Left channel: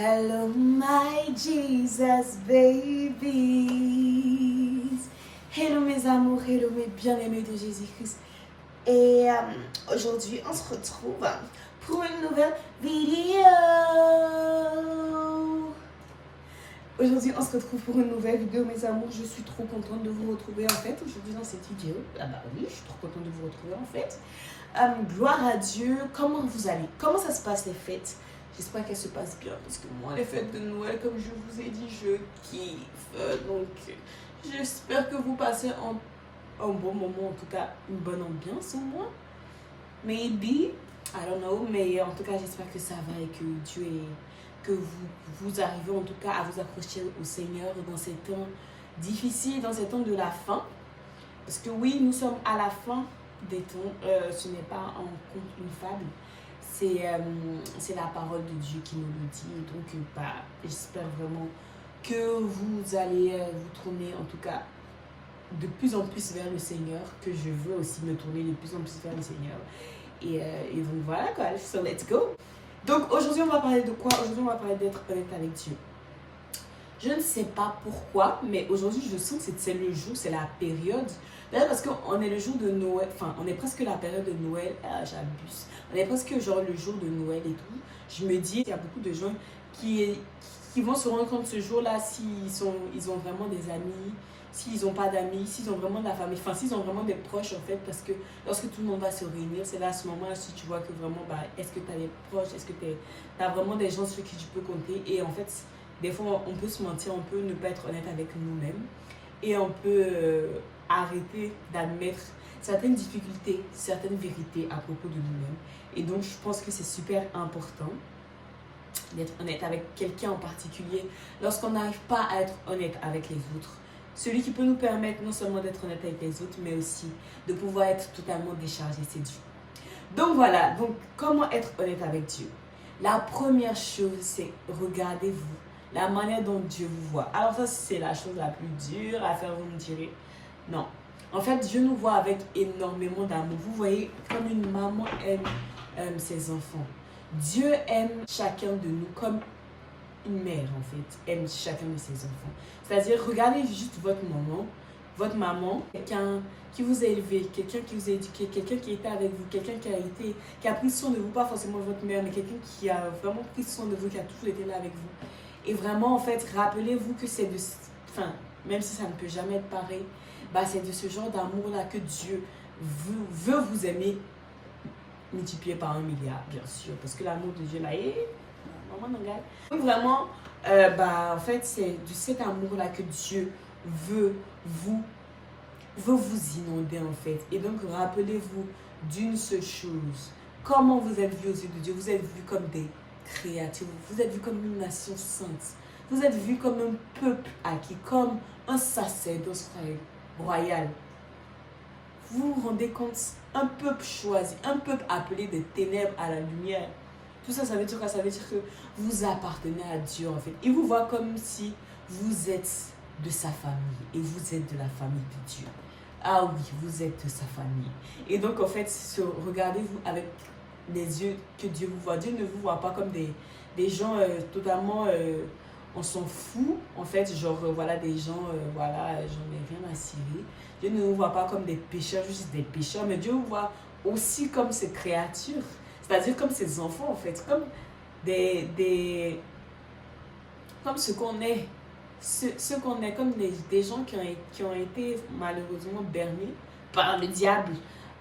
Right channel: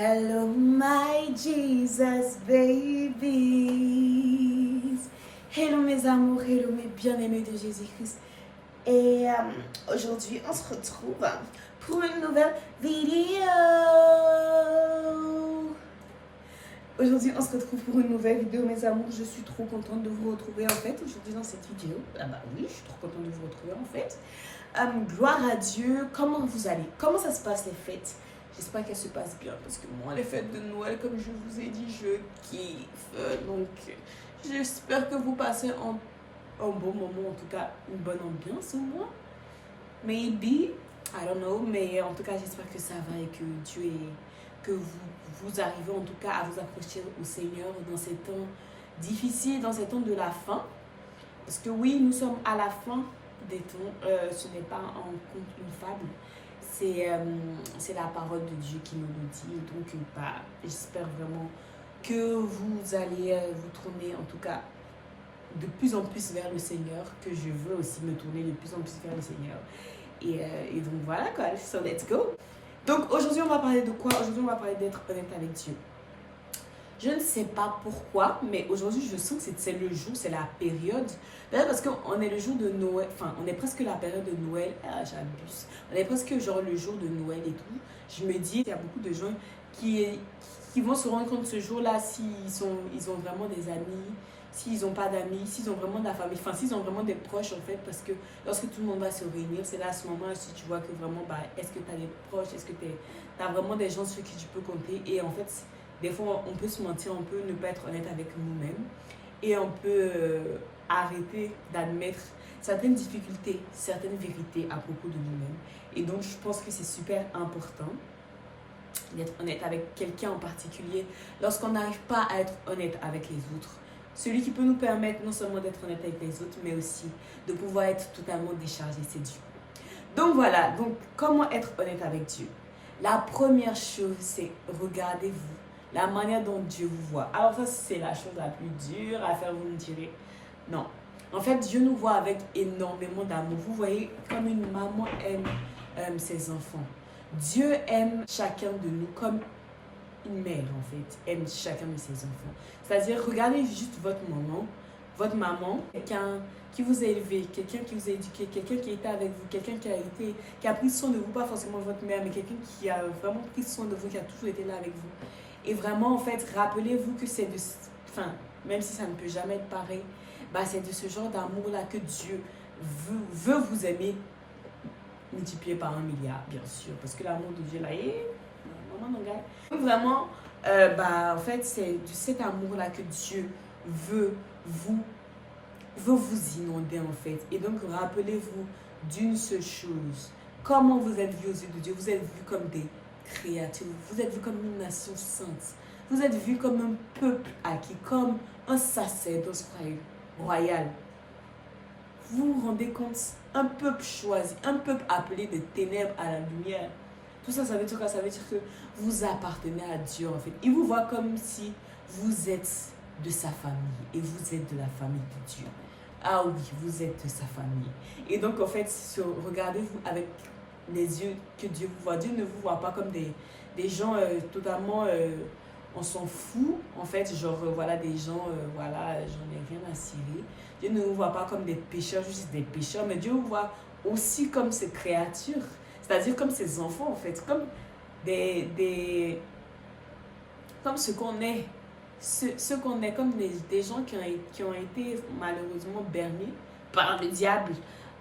Hello my Jesus babies. Hello mes amours, hello mes bien-aimés de Jésus-Christ. Et aujourd'hui on se retrouve pour une nouvelle vidéo. Aujourd'hui on se retrouve pour une nouvelle vidéo mes amours. Je suis trop contente de vous retrouver en fait aujourd'hui dans cette vidéo. Ah bah oui, je suis trop contente de vous retrouver en fait. Gloire à Dieu. Comment vous allez? Comment ça se passe les fêtes? J'espère qu'elles se passent bien parce que moi, les fêtes de Noël, comme je vous ai dit, je kiffe. Donc, j'espère que vous passez un bon moment, en tout cas, une bonne ambiance au moins. Maybe, I don't know, mais en tout cas, j'espère que ça va et que Dieu est... que vous arrivez en tout cas à vous accrocher au Seigneur dans ces temps difficiles, dans ces temps de la fin. Parce que oui, nous sommes à la fin des temps. Ce n'est pas un conte, une fable. C'est la parole de Dieu qui nous le dit. Donc, j'espère vraiment que vous allez vous tourner, en tout cas, de plus en plus vers le Seigneur, que je veux aussi me tourner de plus en plus vers le Seigneur. Et donc, voilà quoi. So, let's go. Donc, aujourd'hui, on va parler de quoi? Aujourd'hui, on va parler d'être honnête avec Dieu. Je ne sais pas pourquoi, mais aujourd'hui, je sens que c'est le jour, c'est la période. D'ailleurs, parce qu'on est le jour de Noël, enfin, on est presque la période de Noël. Ah, j'abuse. On est presque genre le jour de Noël et tout. Je me dis, il y a beaucoup de gens qui vont se rendre compte ce jour-là ils ont vraiment des amis, s'ils n'ont pas d'amis, s'ils ont vraiment de la famille, enfin, s'ils ont vraiment des proches en fait, parce que lorsque tout le monde va se réunir, c'est là à ce moment-là, si tu vois que vraiment, est-ce que tu as des proches, est-ce que tu as vraiment des gens sur qui tu peux compter. Et en fait, des fois, on peut se mentir, on peut ne pas être honnête avec nous-mêmes et on peut arrêter d'admettre certaines difficultés, certaines vérités à propos de nous-mêmes. Et donc, je pense que c'est super important d'être honnête avec quelqu'un en particulier lorsqu'on n'arrive pas à être honnête avec les autres. Celui qui peut nous permettre non seulement d'être honnête avec les autres, mais aussi de pouvoir être totalement déchargé, c'est Dieu. Donc voilà, donc comment être honnête avec Dieu? La première chose, c'est regardez-vous. La manière dont Dieu vous voit. Alors ça, c'est la chose la plus dure à faire, vous me direz. Non. En fait, Dieu nous voit avec énormément d'amour. Vous voyez, comme une maman aime ses enfants. Dieu aime chacun de nous comme une mère, en fait, aime chacun de ses enfants. C'est-à-dire, regardez juste votre maman, quelqu'un qui vous a élevé, quelqu'un qui vous a éduqué, quelqu'un qui était avec vous, quelqu'un qui a pris soin de vous, pas forcément votre mère, mais quelqu'un qui a vraiment pris soin de vous, qui a toujours été là avec vous. Et vraiment, en fait, rappelez-vous que c'est de... Enfin, même si ça ne peut jamais être pareil, c'est de ce genre d'amour-là que Dieu veut vous aimer multiplié par 1 milliard, bien sûr. Parce que l'amour de Dieu, là, vraiment, en fait, c'est de cet amour-là que Dieu veut vous inonder, en fait. Et donc, rappelez-vous d'une seule chose. Comment vous êtes vus aux yeux de Dieu? Vous êtes vus comme des créatures. Vous êtes vus comme une nation sainte. Vous êtes vus comme un peuple acquis, comme un sacerdoce royal. Vous vous rendez compte? Un peuple choisi, un peuple appelé des ténèbres à la lumière. Tout ça, ça veut dire quoi? Ça veut dire que vous appartenez à Dieu, en fait. Il vous voit comme si vous êtes de sa famille et vous êtes de la famille de Dieu. Ah oui, vous êtes de sa famille. Et donc, en fait, regardez-vous avec les yeux que Dieu vous voit. Dieu ne vous voit pas comme des gens totalement... on s'en fout, en fait, genre, voilà, des gens, voilà, j'en ai rien à cirer. Dieu ne nous voit pas comme des pécheurs, juste des pécheurs, mais Dieu nous voit aussi comme ses créatures, c'est-à-dire comme ses enfants, en fait, comme comme ce qu'on est, ce qu'on est, comme des gens qui ont été malheureusement bernés par le diable,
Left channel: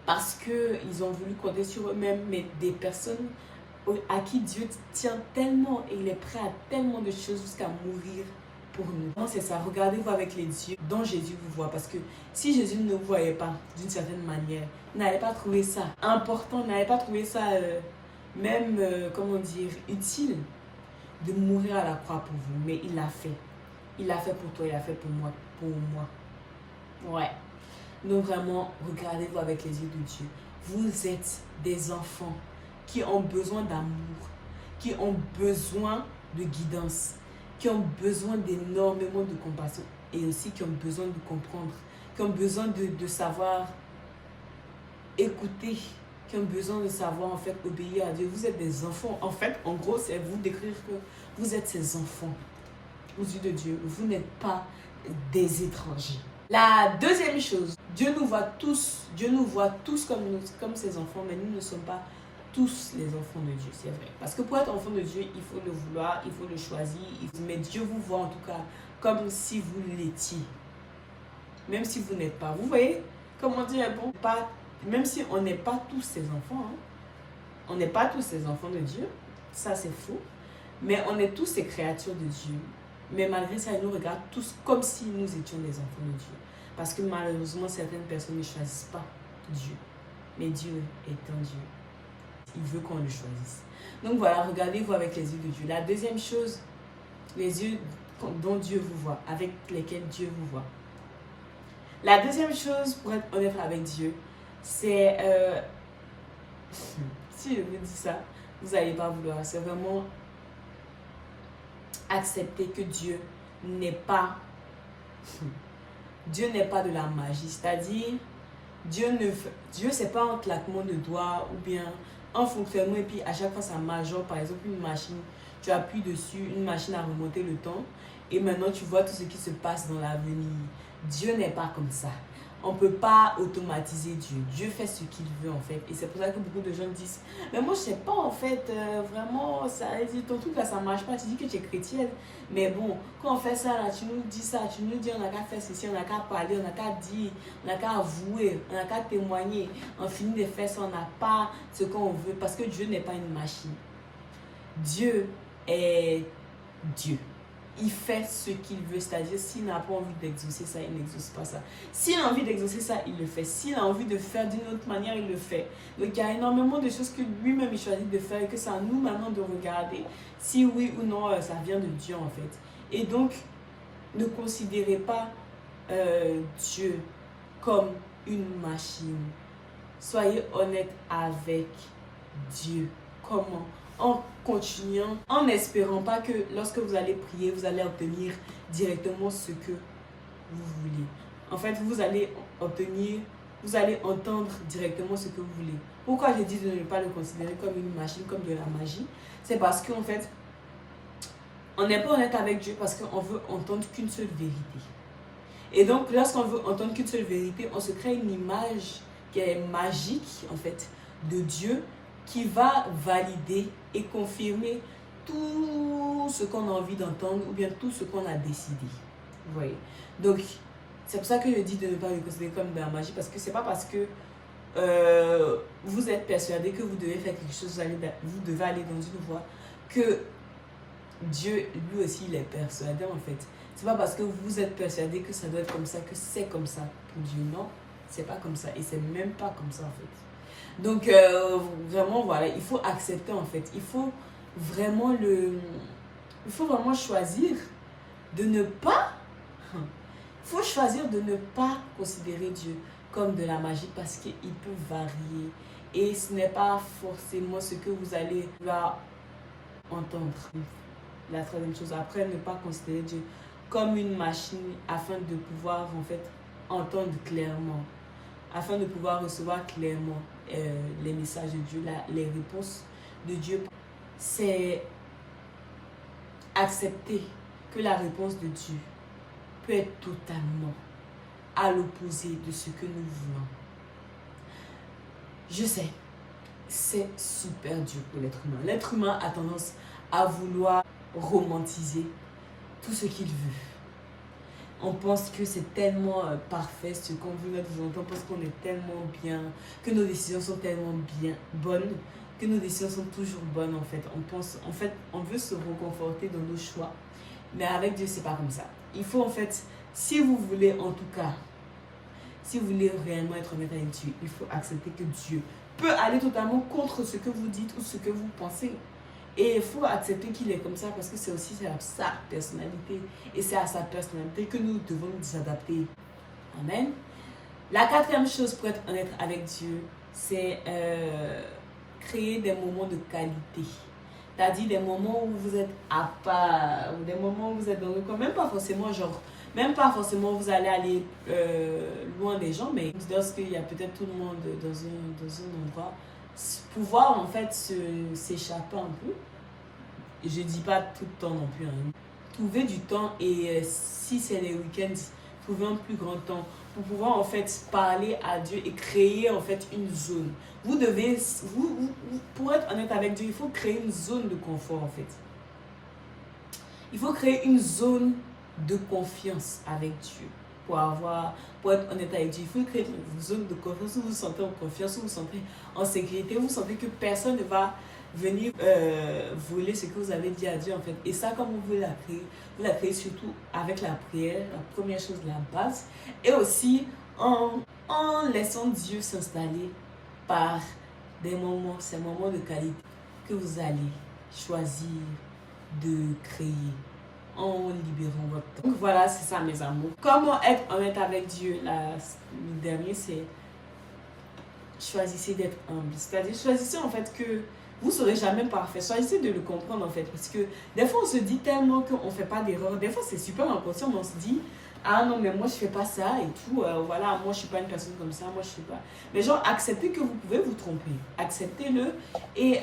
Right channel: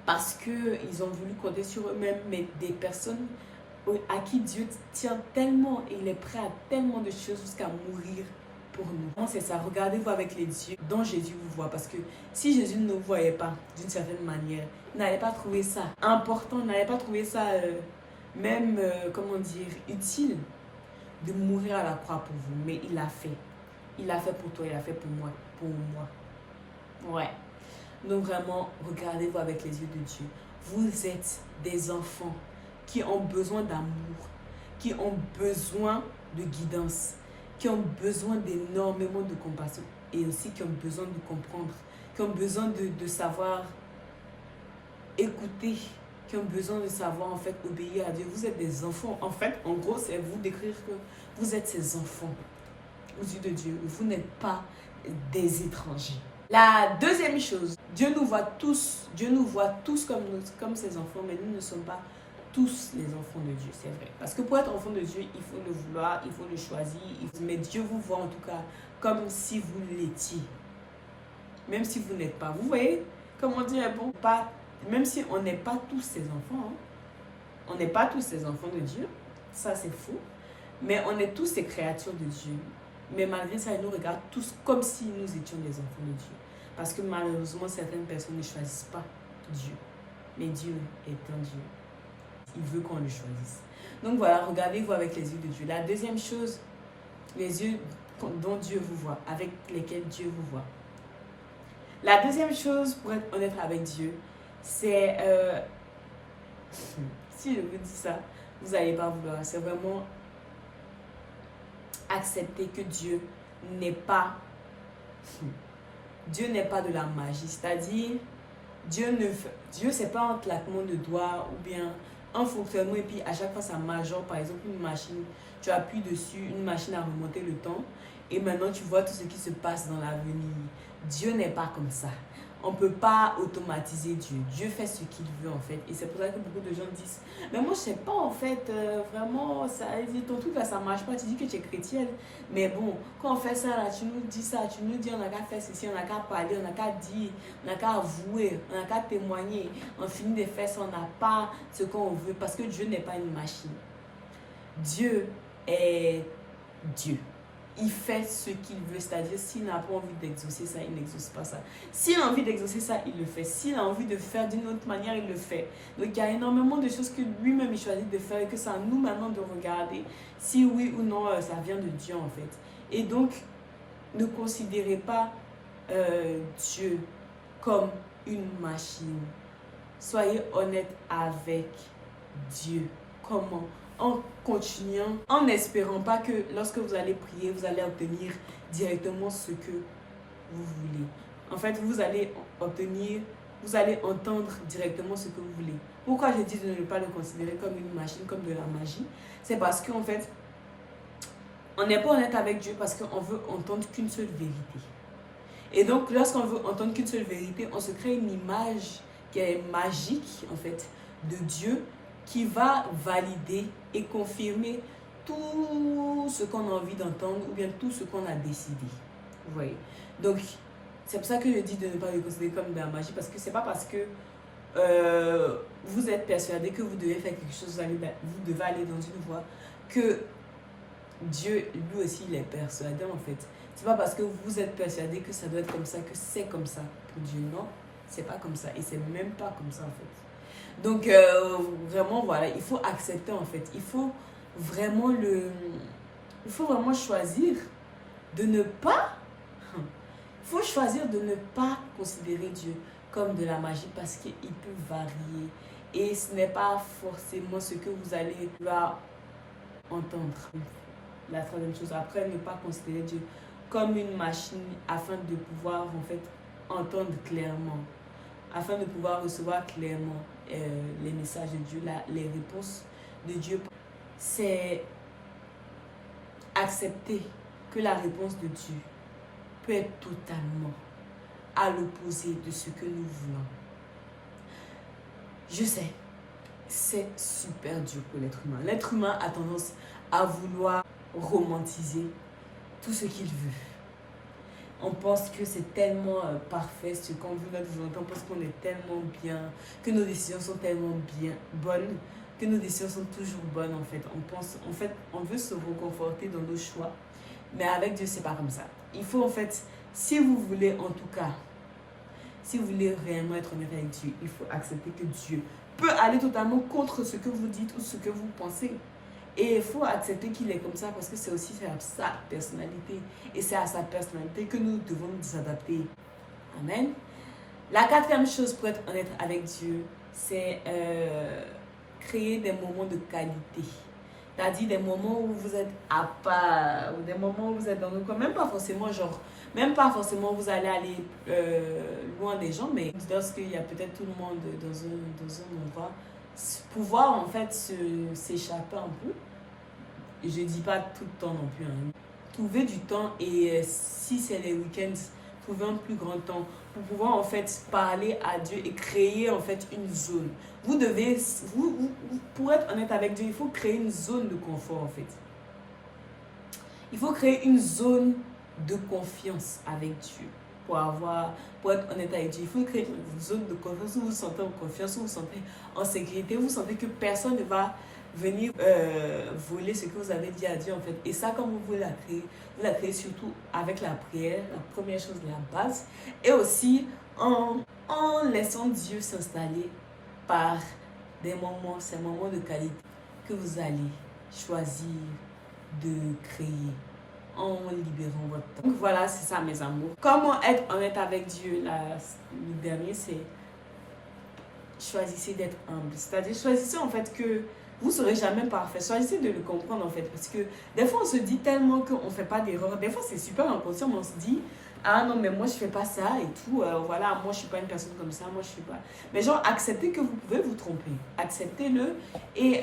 parce qu'ils ont voulu compter sur eux-mêmes, mais des personnes à qui Dieu tient tellement et il est prêt à tellement de choses jusqu'à mourir pour nous. C'est ça, regardez-vous avec les yeux dont Jésus vous voit, parce que si Jésus ne vous voyait pas d'une certaine manière, vous n'allez pas trouver ça important, vous n'allez pas trouver ça même, comment dire, utile de mourir à la croix pour vous, mais il l'a fait. Il l'a fait pour toi, il l'a fait pour moi, Ouais. Donc vraiment, regardez-vous avec les yeux de Dieu. Vous êtes des enfants qui ont besoin d'amour, qui ont besoin de guidance, qui ont besoin d'énormément de compassion et aussi qui ont besoin de comprendre, qui ont besoin de savoir écouter qui ont besoin de savoir, en fait, obéir à Dieu. Vous êtes des enfants. En fait, en gros, c'est vous décrire que vous êtes ces enfants aux yeux de Dieu. Vous n'êtes pas des étrangers. La deuxième chose, Dieu nous voit tous comme ses enfants, mais nous ne sommes pas tous les enfants de Dieu, c'est vrai. Parce que pour être enfant de Dieu, il faut le vouloir, il faut le choisir. Mais Dieu vous voit en tout cas comme si vous l'étiez. Même si vous n'êtes pas. Vous voyez, comme on dit, bon, pas, même si on n'est pas tous ses enfants, hein, on n'est pas tous ses enfants de Dieu, ça c'est faux. Mais on est tous ces créatures de Dieu. Mais malgré ça, il nous regarde tous comme si nous étions des enfants de Dieu. Parce que malheureusement, certaines personnes ne choisissent pas Dieu. Mais Dieu est un Dieu. Il veut qu'on le choisisse. Donc voilà, regardez-vous avec les yeux de Dieu. La deuxième chose, les yeux dont Dieu vous voit, avec lesquels Dieu vous voit. La deuxième chose, pour être honnête avec Dieu, c'est... si je vous dis ça, vous n'allez pas vouloir. C'est vraiment accepter que Dieu n'est pas... Dieu n'est pas de la magie. C'est-à-dire, Dieu c'est pas un claquement de doigts ou bien un fonctionnement et puis à chaque fois ça majore. Par exemple, une machine, tu appuies dessus, une machine à remonter le temps et maintenant tu vois tout ce qui se passe dans l'avenir. Dieu n'est pas comme ça. On ne peut pas automatiser Dieu. Dieu fait ce qu'il veut en fait. Et c'est pour ça que beaucoup de gens disent, mais moi je sais pas en fait, vraiment, ça, ton truc là ça marche pas, tu dis que tu es chrétienne. Mais bon, quand on fait ça là, tu nous dis ça, tu nous dis on n'a qu'à faire ceci, on n'a qu'à parler, on n'a qu'à dire, on n'a qu'à avouer, on n'a qu'à témoigner. On finit de faire ça, on n'a pas ce qu'on veut parce que Dieu n'est pas une machine. Dieu est Dieu. Il fait ce qu'il veut, c'est-à-dire s'il n'a pas envie d'exaucer ça, il n'exauce pas ça. S'il a envie d'exaucer ça, il le fait. S'il a envie de faire d'une autre manière, il le fait. Donc il y a énormément de choses que lui-même il choisit de faire et que c'est à nous maintenant de regarder si oui ou non ça vient de Dieu en fait. Et donc, ne considérez pas Dieu comme une machine. Soyez honnête avec Dieu. Comment? En continuant, en n'espérant pas que lorsque vous allez prier, vous allez obtenir directement ce que vous voulez. En fait, vous allez entendre directement ce que vous voulez. Pourquoi je dis de ne pas le considérer comme une machine, comme de la magie? C'est parce qu'en fait, on n'est pas honnête avec Dieu parce qu'on veut entendre qu'une seule vérité. Et donc, lorsqu'on veut entendre qu'une seule vérité, on se crée une image qui est magique, en fait, de Dieu, qui va valider et confirmer tout ce qu'on a envie d'entendre ou bien tout ce qu'on a décidé. Vous voyez? Donc, c'est pour ça que je dis de ne pas le considérer comme de la magie parce que c'est pas parce que vous êtes persuadé que vous devez faire quelque chose, vous devez aller dans une voie que Dieu, lui aussi, il est persuadé en fait. C'est pas parce que vous êtes persuadé que ça doit être comme ça, que c'est comme ça pour Dieu. Non, c'est pas comme ça et c'est même pas comme ça en fait. Donc, vraiment, voilà, il faut accepter en fait. Il faut vraiment choisir de ne pas... Il faut choisir de ne pas considérer Dieu comme de la magie parce qu'il peut varier. Et ce n'est pas forcément ce que vous allez entendre. La troisième chose, après, ne pas considérer Dieu comme une machine afin de pouvoir en fait entendre clairement, afin de pouvoir recevoir clairement les messages de Dieu, les réponses de Dieu. C'est accepter que la réponse de Dieu peut être totalement à l'opposé de ce que nous voulons. Je sais, c'est super dur pour l'être humain. L'être humain a tendance à vouloir romantiser tout ce qu'il veut. On pense que c'est tellement parfait ce qu'on veut, notre volonté. On pense qu'on est tellement bien, que nos décisions sont tellement bonnes, que nos décisions sont toujours bonnes en fait. On veut se reconforter dans nos choix. Mais avec Dieu, c'est pas comme ça. Il faut en fait, si vous voulez en tout cas, si vous voulez réellement être honnête avec Dieu, il faut accepter que Dieu peut aller totalement contre ce que vous dites ou ce que vous pensez. Et il faut accepter qu'il est comme ça parce que c'est aussi sa personnalité. Et c'est à sa personnalité que nous devons nous adapter. Amen. La quatrième chose pour être honnête avec Dieu, c'est créer des moments de qualité. C'est-à-dire des moments où vous êtes à part, ou des moments où vous êtes dans le coin. Même pas forcément vous allez aller loin des gens, mais lorsqu'il y a peut-être tout le monde dans un endroit, pouvoir en fait s'échapper un peu. Je dis pas tout le temps non plus. Hein. Trouver du temps et si c'est les week-ends, trouver un plus grand temps pour pouvoir en fait parler à Dieu et créer en fait une zone. Vous devez, pour être honnête avec Dieu, il faut créer une zone de confort en fait. Il faut créer une zone de confiance avec Dieu. Pour être honnête avec Dieu, il faut créer une zone de confiance où vous vous sentez en confiance, où vous vous sentez en sécurité, où vous sentez que personne ne va venir voler ce que vous avez dit à Dieu en fait. Et ça, comme vous la créez surtout avec la prière, la première chose, la base. Et aussi en laissant Dieu s'installer par des moments, ces moments de qualité que vous allez choisir de créer en libérant votre temps. Donc voilà, c'est ça mes amours. Comment être honnête avec Dieu? Le dernier, c'est choisissez d'être humble. C'est-à-dire choisissez en fait que vous ne serez jamais parfait. Choisissez de le comprendre en fait. Parce que des fois on se dit tellement qu'on ne fait pas d'erreur. Des fois c'est super inconscient, mais on se dit ah non mais moi je fais pas ça et tout. Voilà, moi je suis pas une personne comme ça. Moi je sais pas. Mais genre acceptez que vous pouvez vous tromper. Acceptez-le et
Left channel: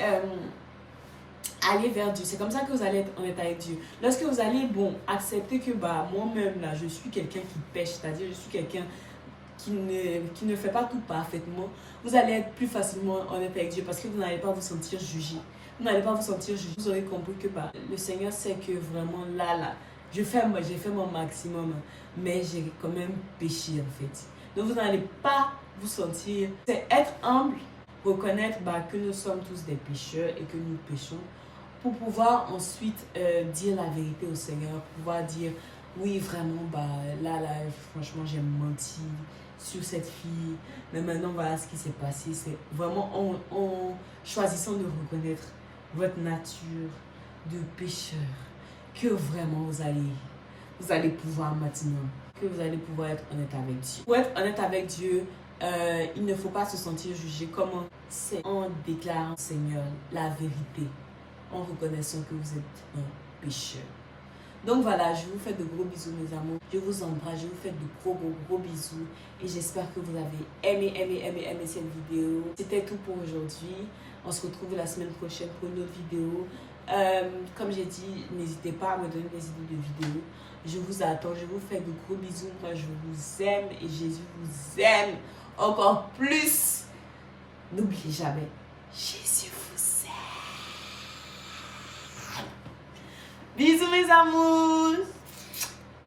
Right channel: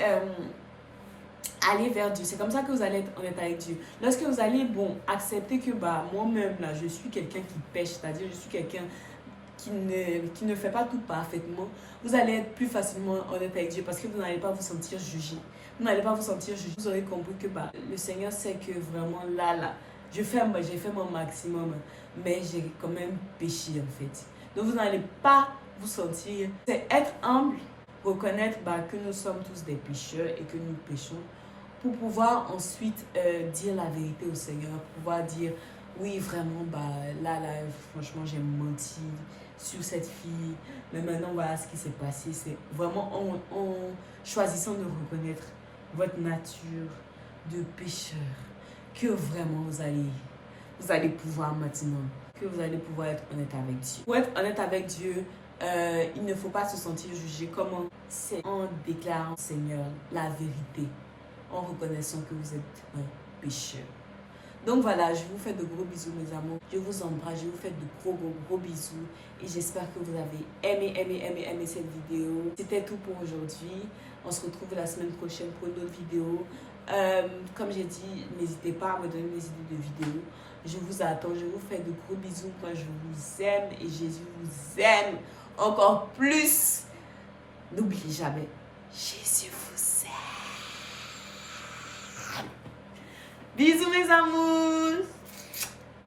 aller vers Dieu. C'est comme ça que vous allez être honnête avec Dieu. Lorsque vous allez, accepter que moi-même, là, je suis quelqu'un qui pêche, c'est-à-dire je suis quelqu'un qui ne fait pas tout parfaitement, vous allez être plus facilement honnête avec Dieu parce que vous n'allez pas vous sentir jugé. Vous n'allez pas vous sentir jugé. Vous aurez compris que le Seigneur sait que vraiment là, j'ai fait mon maximum, mais j'ai quand même péché en fait. Donc vous n'allez pas vous sentir... C'est être humble, reconnaître que nous sommes tous des pécheurs et que nous péchons, pour pouvoir ensuite dire la vérité au Seigneur, pour pouvoir dire oui vraiment là franchement j'ai menti sur cette fille, mais maintenant voilà ce qui s'est passé. C'est vraiment en choisissant de reconnaître votre nature de pécheur que vraiment vous allez pouvoir maintenant, que vous allez pouvoir être honnête avec Dieu. Pour être honnête avec Dieu, il ne faut pas se sentir jugé. Comment? C'est en déclarant Seigneur la vérité, en reconnaissant que vous êtes un pécheur. Donc voilà, je vous fais de gros bisous mes amours. Je vous embrasse, je vous fais de gros bisous. Et j'espère que vous avez aimé cette vidéo. C'était tout pour aujourd'hui. On se retrouve la semaine prochaine pour une autre vidéo. Comme j'ai dit, n'hésitez pas à me donner des idées de vidéos. Je vous attends, je vous fais de gros bisous. Moi je vous aime et Jésus vous aime encore plus. N'oubliez jamais, Jésus vous aime. Bisous mes amours.